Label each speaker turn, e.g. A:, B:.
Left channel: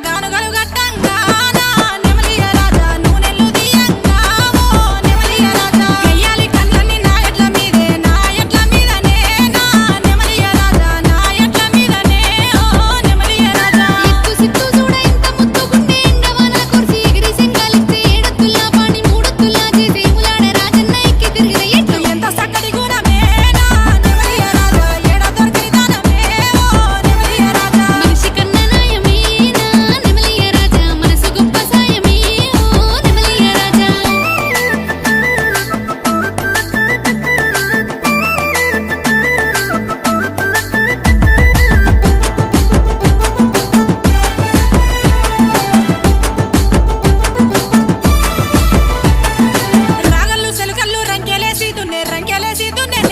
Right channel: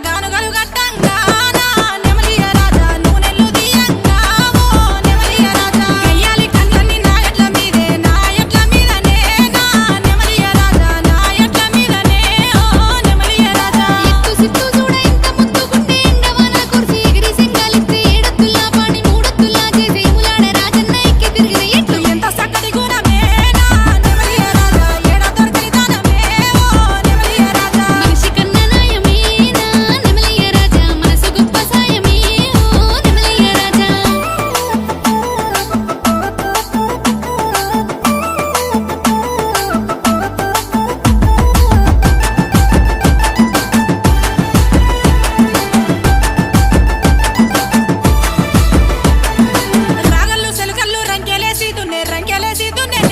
A: gonna, gonna, gonna
B: Millones